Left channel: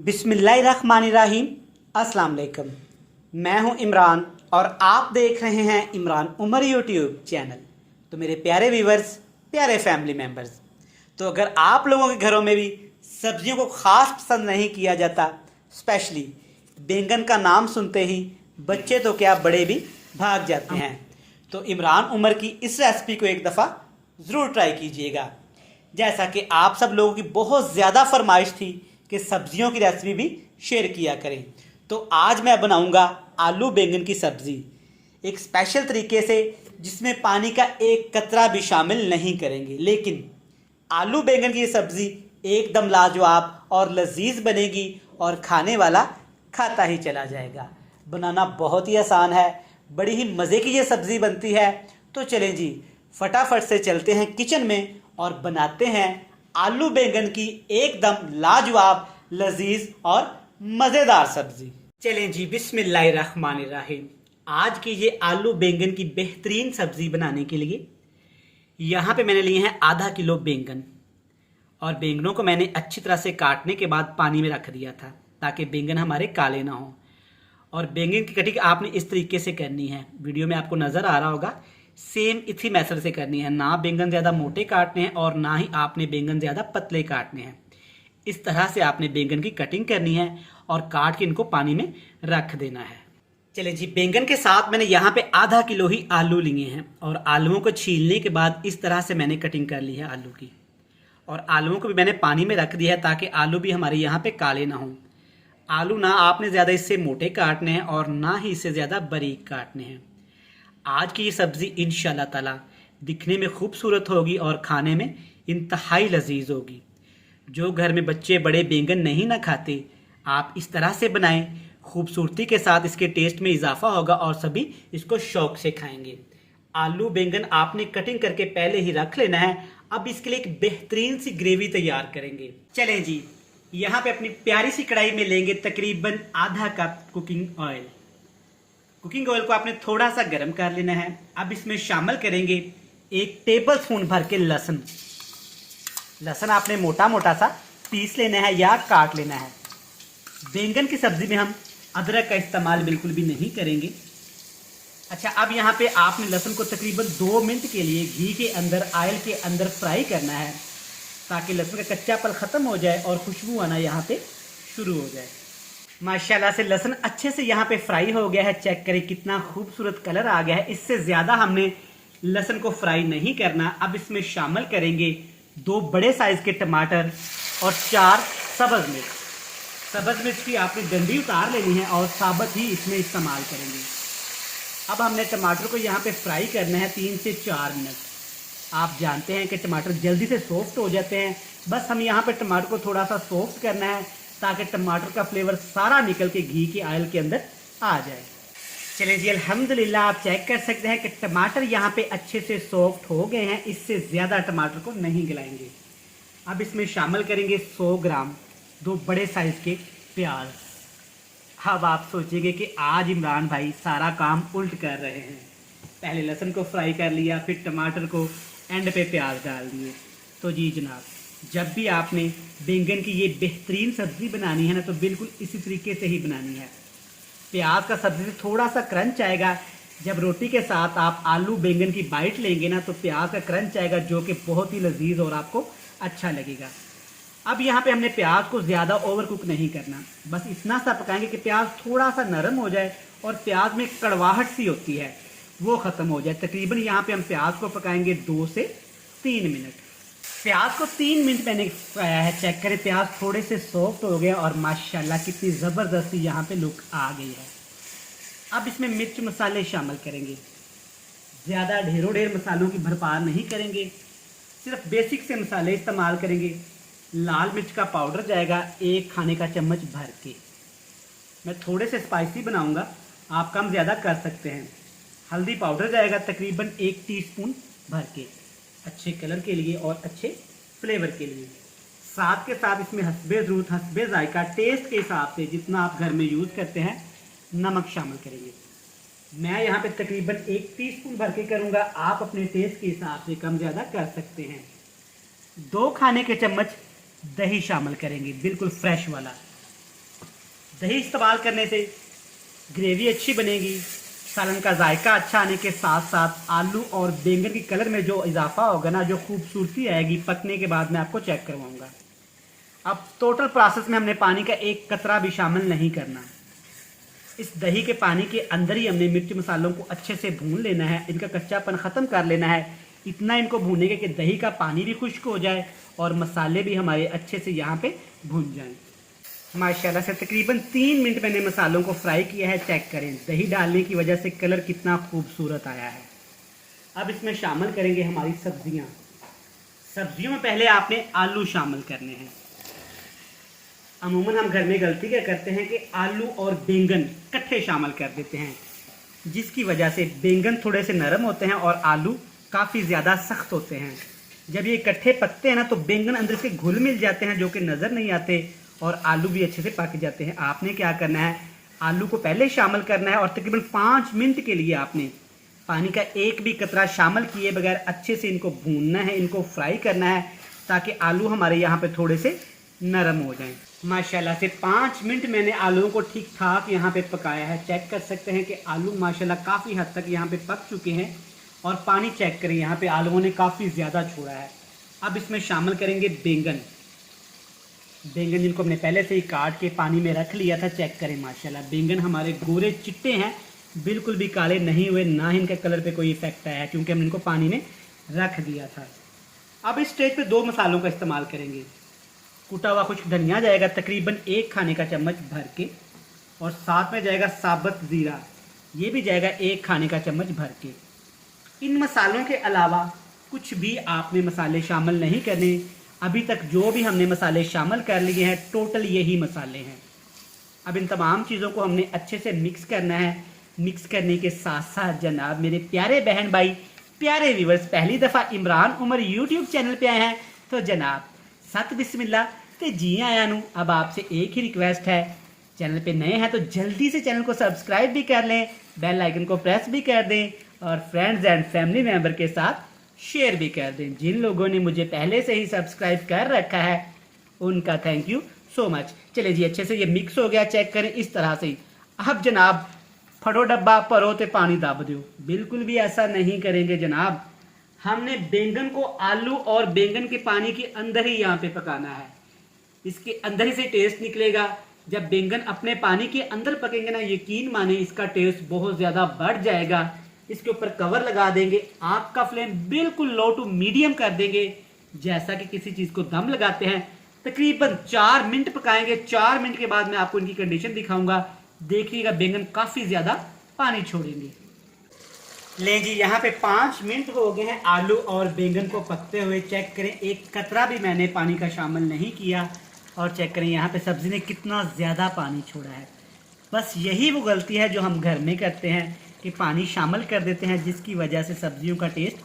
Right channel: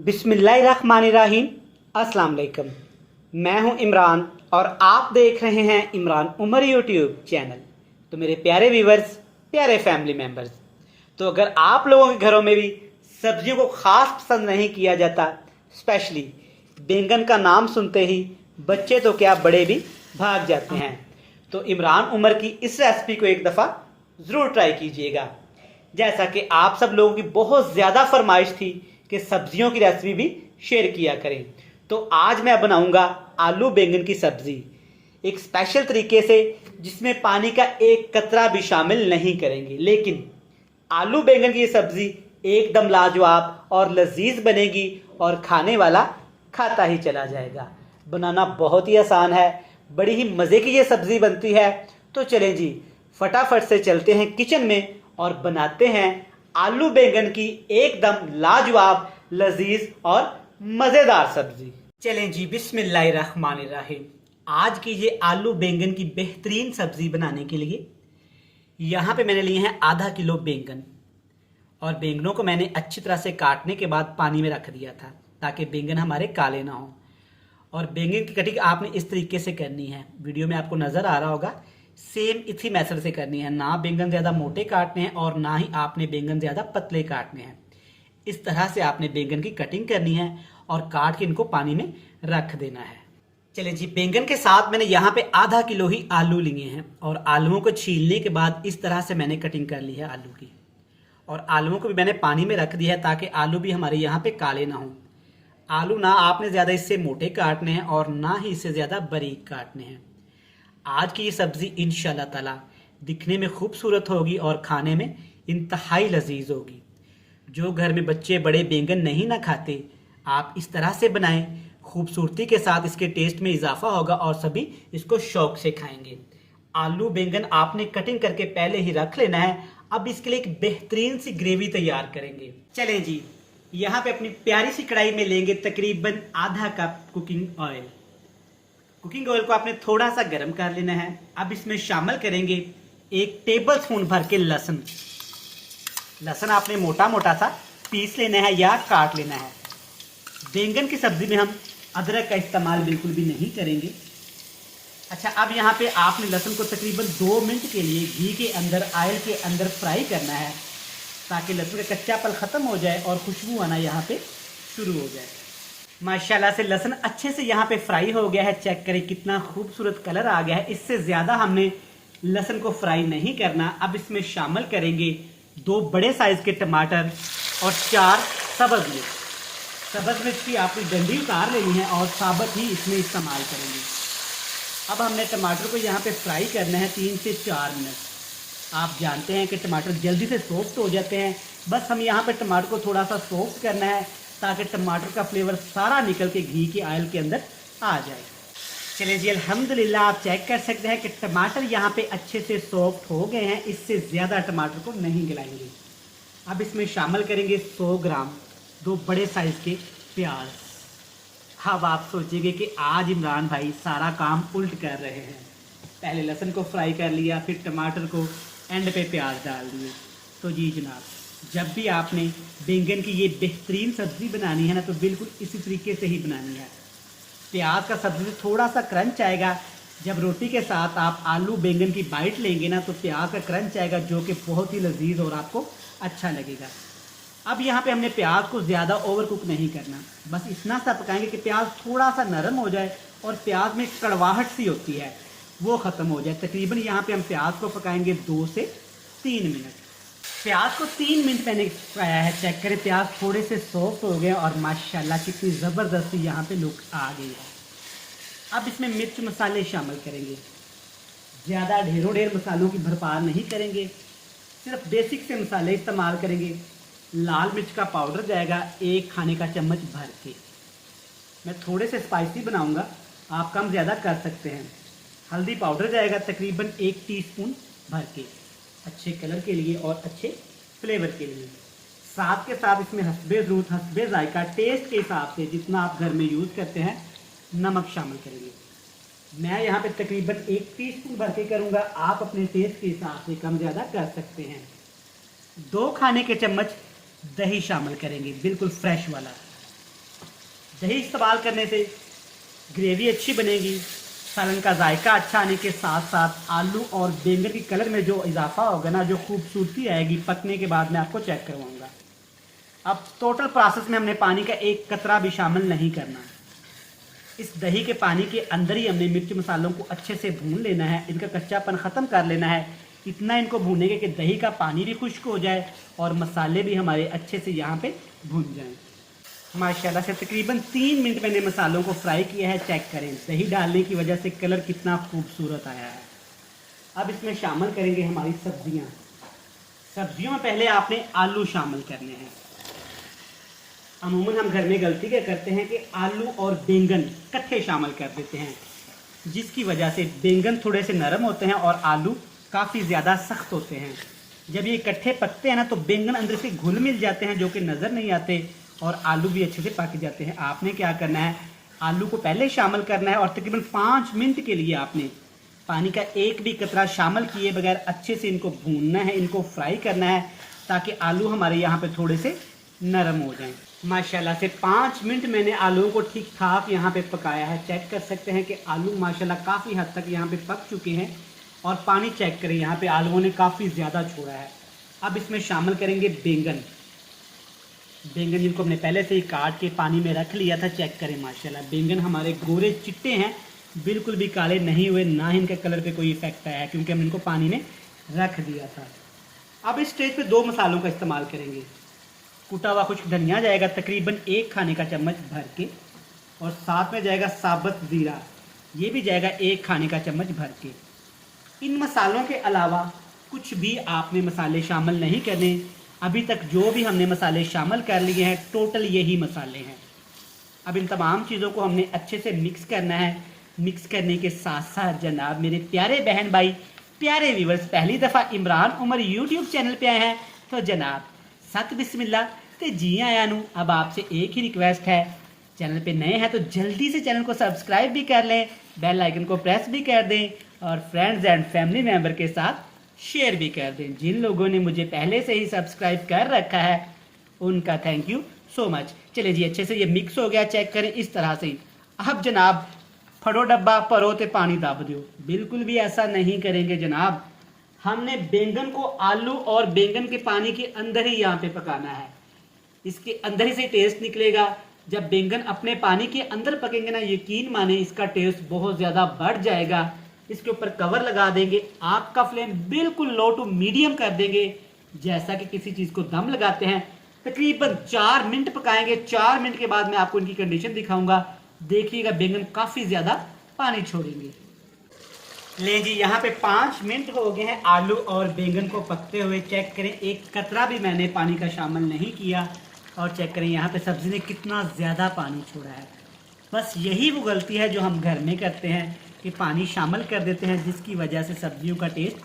बिस्मिल्लाहिर्रहमानिर्रहीम। अस्सलाम वालेकुम। मैं हूं इमरान और आप देख रहे हैं इमरान उमर यूट्यूब चैनल। तो मेरे प्यारे व्यूवर्स, प्यारे फैमिली मेम्बर्स, तो अगर आप लोगों के घरों में भी सब्जियों को ख़ास पसंद नहीं किया जाता, स्पेशली बैंगन का नाम सुनते ही बच्चे तो क्या बड़े भी भाग जाते हैं, तो इमरान उमर की इस रेसिपी को एक दफ़ा ज़रूर ट्राई कीजिएगा। जैसा कि आप सब लोगों की बहुत ज़्यादा फरमाइश थी कि सब्जियों की रेसिपी भी शेयर किया करें, तो आज मैं बनाऊंगा आलू बैंगन की सब्ज़ी एक स्पेशल तरीके से, जिसमें पानी का एक कतरा भी शामिल नहीं करेंगे। लेकिन आलू बैंगन की सब्ज़ी एकदम लाजवाब और लजीज बनेगी और खाने वाला खाता ही चला जाएगा। बनाना बहुत ही आसान है, बड़ी ही मज़े की ये सब्ज़ी बनती है। तो चलें जी, फटाफट से चलते हैं किचन में और बनाते हैं आलू बैंगन की एकदम लाजवाब, लजीज और मज़ेदार सब्ज़ी। चलें जी, बिस्मिल्लाहिर्रहमानिर्रहीम। आज की ये आलू बैंगन की बेहतरीन सब्ज़ी बनाने के लिए यहाँ पे मैंने लिए हैं आधा किलो बैंगन, और बैंगनों को मैंने अच्छी तरह से काटने के बाद पानी में रख दिया था ताकि बैंगन हमारे काले ना हों। और बैंगन की कटिंग आपने इस तरीके से करनी है, वीडियो में आपको नज़र आ रहा होगा, सेम इसी मेथड से करनी है। ना बैंगन ज़्यादा मोटे काटने हैं और ना ही आपने बैंगन ज़्यादा पतले काटने हैं। इस तरह से आपने बैंगन की कटिंग करनी है और काट के इनको पानी में रख देना है। चलें जी, बैंगन के साथ मैंने यहाँ पे आधा किलो ही आलू लिए हैं, और आलूओं को छीलने के बाद इस तरह से मैंने कटिंग कर ली है आलू की। और आलूओं को भी मैंने पानी में रख दिया है ताकि आलू भी हमारे यहाँ पे काले ना हों। आलू ना आपने ज़्यादा इससे मोटे काटने हैं और ना ही इससे ज़्यादा बारीक काटने हैं। आज की ये सब्ज़ी इंशाल्लाह ताला दिखने में खूबसूरत होगी और खाने में इंतहाई लजीज होगी। जो घर में बच्चे बड़े बैंगन नहीं ना खाते, आप इस तरह से बनाएं, खूबसूरती के साथ इसके टेस्ट में इजाफा होगा और सभी इसको शौक से खाएंगे। आलू बैंगन आपने कटिंग करके पहले ही रख लेना है। अब इसके लिए एक बेहतरीन सी ग्रेवी तैयार करेंगे। चलें जी, यहाँ पे अपनी प्यारी सी कढ़ाई में लेंगे तकरीबन आधा cup cooking oil. Cooking oil को आपने थोड़ा सा गर्म कर लेना है। अब इसमें शामिल करेंगे 1 टेबल स्पून भर के लहसुन। लहसुन आपने मोटा मोटा सा पीस लेना है या काट लेना है। बैंगन की सब्जी में हम अदरक का इस्तेमाल बिल्कुल भी नहीं करेंगे। अच्छा, अब यहाँ पे आपने लहसुन को तकरीबन 2 मिनट के लिए घी के अंदर, ऑयल के अंदर फ्राई करना है ताकि लहसुन का कच्चापन ख़त्म हो जाए और खुशबू आना यहाँ पे शुरू हो जाए। माशाल्लाह से लहसुन अच्छे से यहाँ पे फ्राई हो गया है। चेक करें कितना खूबसूरत कलर आ गया है। इससे ज़्यादा हमने लहसुन को फ्राई नहीं करना। अब इसमें शामिल करेंगे 2 बड़े साइज़ के टमाटर और 4 सब्ज़ मिर्च। सब्ज़ मिर्च की आपने डंडी उतार लेनी है और साबुत ही इसमें इस्तेमाल करेंगे। अब हमने टमाटर को यहाँ पे फ्राई करना है 3 से 4 मिनट। आप जानते हैं कि टमाटर जल्दी से सॉफ्ट हो जाते हैं, बस हम यहाँ पे टमाटर को थोड़ा सा सॉफ्ट करना है ताकि टमाटर का फ्लेवर सारा निकल के घी के ऑयल के अंदर आ जाए। चलिए जी, अल्हम्दुलिल्लाह आप चेक कर सकते हैं कि टमाटर यहाँ पे अच्छे से सॉफ्ट हो गए हैं। इससे ज़्यादा टमाटर को नहीं गलाएंगे। अब इसमें शामिल करेंगे 100 ग्राम 2 बड़े साइज़ के प्याज। अब आप सोचेंगे कि आज इमरान भाई सारा काम उल्ट कर रहे हैं, पहले लहसुन को फ्राई कर लिया, फिर टमाटर को एंड पे प्याज डाल दिए। तो जी जनाब, जब भी आपने बैंगन की ये बेहतरीन सब्ज़ी बनानी है ना, तो बिल्कुल इसी तरीके से ही बनानी है। प्याज का सब्ज़ी थोड़ा सा क्रंच आएगा। जब रोटी के साथ आप आलू बैंगन की बाइट लेंगे ना, तो प्याज का क्रंच आएगा जो कि बहुत ही लजीज और आपको अच्छा लगेगा। अब यहाँ पे हमने प्याज को ज़्यादा ओवर कुक नहीं करना, बस इतना सा पकाएंगे कि प्याज थोड़ा सा नरम हो जाए और प्याज में कड़वाहट सी होती है वो ख़त्म हो जाए। तकरीबन यहाँ पे हम प्याज को पकाएंगे 2 से 3 मिनट। प्याज को 3 मिनट मैंने पकाया है। चेक करें, प्याज थोड़े से सॉफ्ट हो गए और माशाल्लाह कितनी ज़बरदस्ती यहाँ पे लुक आ गई है। अब इसमें मिर्च मसाले शामिल करेंगे। ज़्यादा ढेरों ढेर मसालों की भरपार नहीं करेंगे, सिर्फ बेसिक से मसाले इस्तेमाल करेंगे। लाल मिर्च का पाउडर जाएगा 1 खाने का चम्मच भर के। मैं थोड़े से स्पाइसी बनाऊँगा, आप कम ज़्यादा कर सकते हैं। हल्दी पाउडर जाएगा तकरीबन 1 टीस्पून भर के, अच्छे कलर के लिए और अच्छे फ्लेवर के लिए। साथ के साथ इसमें हस्बे ज़रूरत, हस्बे जायका, टेस्ट के हिसाब से जितना आप घर में यूज़ करते हैं नमक शामिल करेंगे। मैं यहाँ पे तकरीबन 1 टीस्पून भर के करूँगा, आप अपने टेस्ट के हिसाब से कम ज़्यादा कर सकते हैं। 2 खाने के चम्मच दही शामिल करेंगे, बिल्कुल फ्रेश वाला। दही इस्तेमाल करने से ग्रेवी अच्छी बनेगी, सालन का जायका अच्छा आने के साथ साथ आलू और बैंगन के कलर में जो इजाफा होगा ना, जो खूबसूरती आएगी पकने के बाद मैं आपको चेक करवाऊंगा। अब टोटल प्रोसेस में हमने पानी का एक कतरा भी शामिल नहीं करना। इस दही के पानी के अंदर ही हमने मिर्च मसालों को अच्छे से भून लेना है, इनका कच्चापन ख़त्म कर लेना है। इतना इनको भूनेंगे कि दही का पानी भी खुश्क हो जाए और मसाले भी हमारे अच्छे से यहाँ पे भून जाएं। माशाल्लाह से तकरीबन 3 मिनट मैंने मसालों को फ्राई किया है। चेक करें दही डालने की वजह से कलर कितना खूबसूरत आया है। अब इसमें शामिल करेंगे हमारी सब्जियां। सब्जियों में पहले आपने आलू शामिल करने हैं। अमूमन हम घर में गलती क्या करते हैं कि आलू और बैंगन इकट्ठे शामिल कर देते हैं, जिसकी वजह से बैंगन थोड़े से नरम होते हैं और आलू काफ़ी ज़्यादा सख्त होते हैं। जब ये इकट्ठे पकते हैं ना तो बैंगन अंदर से घुल मिल जाते हैं, जो कि नज़र नहीं आते, और आलू भी अच्छे से पक जाते हैं। आपने क्या करना है, आलू को पहले शामिल करना है और तकरीबन 5 मिनट के लिए आपने पानी का एक भी कतरा शामिल किए बगैर अच्छे से इनको भूनना है, इनको फ्राई करना है, ताकि आलू हमारे यहाँ पे थोड़े से नरम हो जाएं। माशाल्लाह से 5 मिनट मैंने आलूओं को ठीक ठाक यहाँ पे पकाया है। चेक कर सकते हैं कि आलू माशाल्लाह काफ़ी हद तक यहाँ पे पक चुके हैं और पानी चेक करें, यहाँ पे आलूओं ने काफ़ी ज़्यादा छोड़ा है। अब इसमें शामिल करेंगे बैंगन। बैंगन जिनको हमने पहले से ही काट के पानी में रख लिया था। चेक करें माशाल्लाह बैंगन हमारे गोरे चिट्टे हैं, बिल्कुल भी काले नहीं हुए, ना ही इनके कलर पे कोई इफेक्ट आया है, क्योंकि हमने इनको पानी में रख दिया था। अब इस स्टेज पे 2 मसालों का इस्तेमाल करेंगे। कुटा हुआ कुछ धनिया जाएगा तकरीबन 1 खाने का चम्मच भर के, और साथ में जाएगा साबुत ज़ीरा, ये भी जाएगा 1 खाने का चम्मच भर के। इन मसालों के अलावा कुछ भी आपने मसाले शामिल नहीं करने। अभी तक जो भी हमने मसाले शामिल कर लिए हैं टोटल यही मसाले हैं। अब इन तमाम चीज़ों को हमने अच्छे से मिक्स करना है। मिक्स करने के साथ साथ जनाब मेरे प्यारे बहन भाई, प्यारे व्यूवर्स, पहली दफ़ा इमरान उमर यूट्यूब चैनल पे आए हैं तो जनाब सत बिस्मिल्लाह ते जी आया नू। अब आपसे एक ही रिक्वेस्ट है, चैनल पे नए हैं तो जल्दी से चैनल को सब्सक्राइब भी कर लें, बेल आइकन को प्रेस भी कर दें और फ्रेंड्स एंड फैमिली मेम्बर के साथ शेयर भी कर दें। जिन लोगों ने मुझे पहले से ही सब्सक्राइब कर रखा है उनका थैंक यू सो मच। चलिए जी, अच्छे से ये मिक्स हो गया, चेक करें इस तरह से। अब जनाब फटो डब्बा परो ते पानी दब दो, बिल्कुल भी ऐसा नहीं करेंगे जनाब। हमने बैंगन को आलू और बैंगन के पानी के अंदर ही यहाँ पे पकाना है, इसके अंदर ही से टेस्ट निकलेगा। जब बैंगन अपने पानी के अंदर पकेंगे ना, यकीन माने इसका टेस्ट बहुत ज्यादा बढ़ जाएगा। इसके ऊपर कवर लगा देंगे, आपका फ्लेम बिल्कुल लो टू मीडियम कर देंगे, जैसा कि किसी चीज को दम लगाते हैं। तकरीबन 4 मिनट पकाएंगे। 4 मिनट के बाद मैं आपको इनकी कंडीशन दिखाऊंगा। देखिएगा बैंगन काफी ज्यादा पानी छोड़ेंगे। ले जी, यहाँ पे 5 मिनट हो गए हैं आलू और बैंगन को पकते हुए। चेक करें एक कतरा भी मैंने पानी का शामिल नहीं किया, और चेक करें यहाँ पे सब्जी ने कितना ज्यादा पानी छोड़ा है। बस यही वो गलती है जो हम घर में करते हैं कि पानी शामिल कर देते हैं, जिसकी वजह से सब्जियों का टेस्ट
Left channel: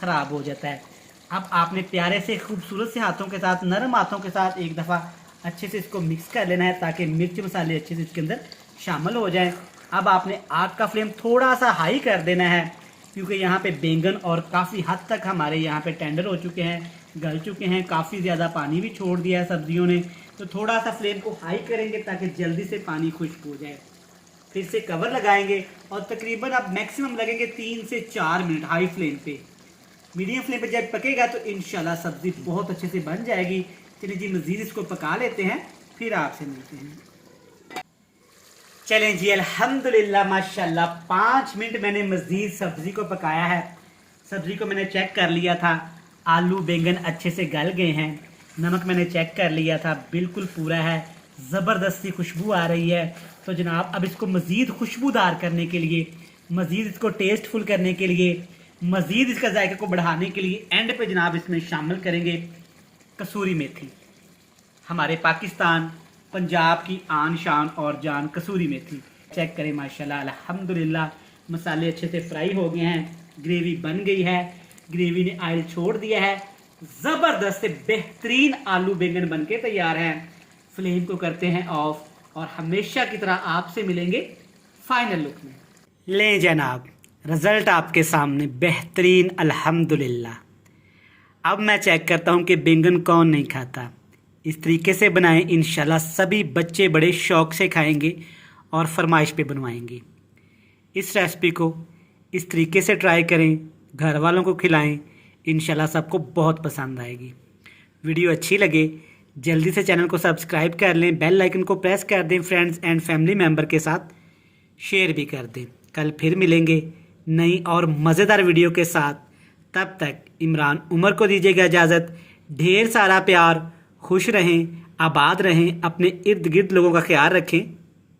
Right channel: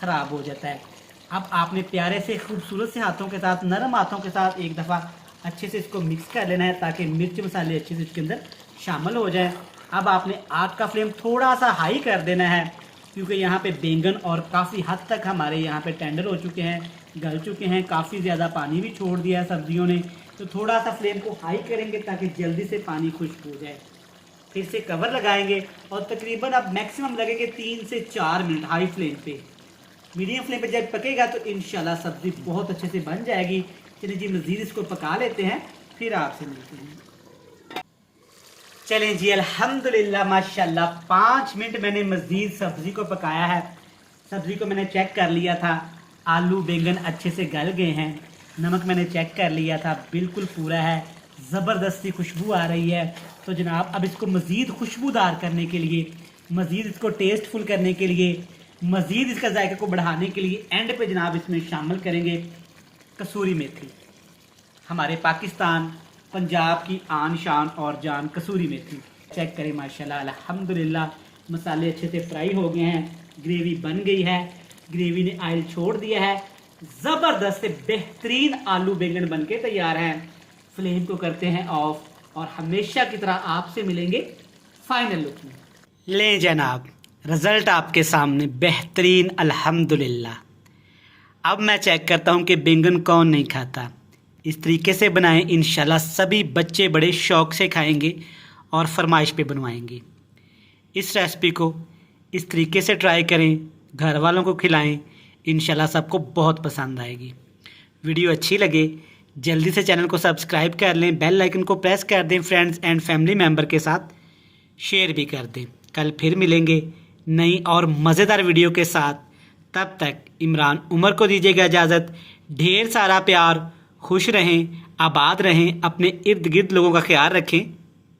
खराब हो जाता है। अब आपने प्यारे से खूबसूरत से हाथों के साथ, नरम हाथों के साथ एक दफ़ा अच्छे से इसको मिक्स कर लेना है, ताकि मिर्च मसाले अच्छे से इसके अंदर शामिल हो जाएं। अब आपने आग का फ्लेम थोड़ा सा हाई कर देना है, क्योंकि यहाँ पे बैंगन और काफ़ी हद तक हमारे यहाँ पे टेंडर हो चुके हैं, गल चुके हैं, काफ़ी ज़्यादा पानी भी छोड़ दिया है सब्जियों ने। तो थोड़ा सा फ्लेम को हाई करेंगे ताकि जल्दी से पानी खुश्क हो जाए। फिर से कवर लगाएंगे और तकरीबन अब मैक्सिमम लगेंगे 3 से 4 मिनट हाई फ्लेम पे। मीडियम फ्लेम पे जब पकेगा तो इंशाल्लाह सब्जी बहुत अच्छे से बन जाएगी। चलिए जी, मज़ीद इसको पका लेते हैं, फिर आपसे मिलते हैं। चलें जी, अल्हम्दुलिल्लाह माशाल्लाह 5 मिनट मैंने मज़ीद सब्जी को पकाया है। सब्जी को मैंने चेक कर लिया था, आलू बैंगन अच्छे से गल गए हैं। नमक मैंने चेक कर लिया था, बिल्कुल पूरा है, ज़बरदस्ती खुशबू आ रही है। तो जनाब अब इसको मज़ीद खुशबूदार करने के लिए, मज़ीद इसको टेस्टफुल करने के लिए, मज़ीद इसका जायके को बढ़ाने के लिए एंड पे जनाब इसमें शामिल करेंगे कसूरी मेथी। हमारे पाकिस्तान पंजाब की आन शान और जान कसूरी मेथी। चेक करें माशाल्लाह अल्हम्दुलिल्लाह मसाले अच्छे से फ्राई हो गए हैं, ग्रेवी बन गई है, ग्रेवी ने ऑयल छोड़ दिया है, ज़बरदस्त से बेहतरीन आलू बैंगन बन के तैयार हैं। फ्लेम को करते हैं ऑफ और हमेशा की तरह आपसे मिलेंगे फाइनल लुक में। ले जनाब, रिजल्ट आपके सामने बेहतरीन अल्हम्दुलिल्लाह। अब मैं चेक करता हूँ कि बैंगन कौन नहीं खाता। इस तरीके से बनाएं, इंशाल्लाह सभी बच्चे बड़े शौक़ से खाएंगे और फरमाइश पे बनवाएंगे। इस रेसिपी को इस तरीके से ट्राई करें, घर वालों को खिलाएं, इंशाल्लाह सबको बहुत पसंद आएगी। वीडियो अच्छी लगे जल्दी से चैनल को सब्सक्राइब कर लें, बेल आइकन को प्रेस कर दें, फ्रेंड्स एंड फैमिली मेम्बर के साथ शेयर भी कर दें। कल फिर मिलेंगे नई और मज़ेदार वीडियो के साथ। तब तक इमरान उमर को दीजिएगा इजाज़त। ढेर सारा प्यार, खुश रहें, आबाद रहें, अपने इर्द गिर्द लोगों का ख्याल रखें।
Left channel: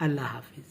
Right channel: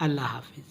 अल्लाह हाफिज़।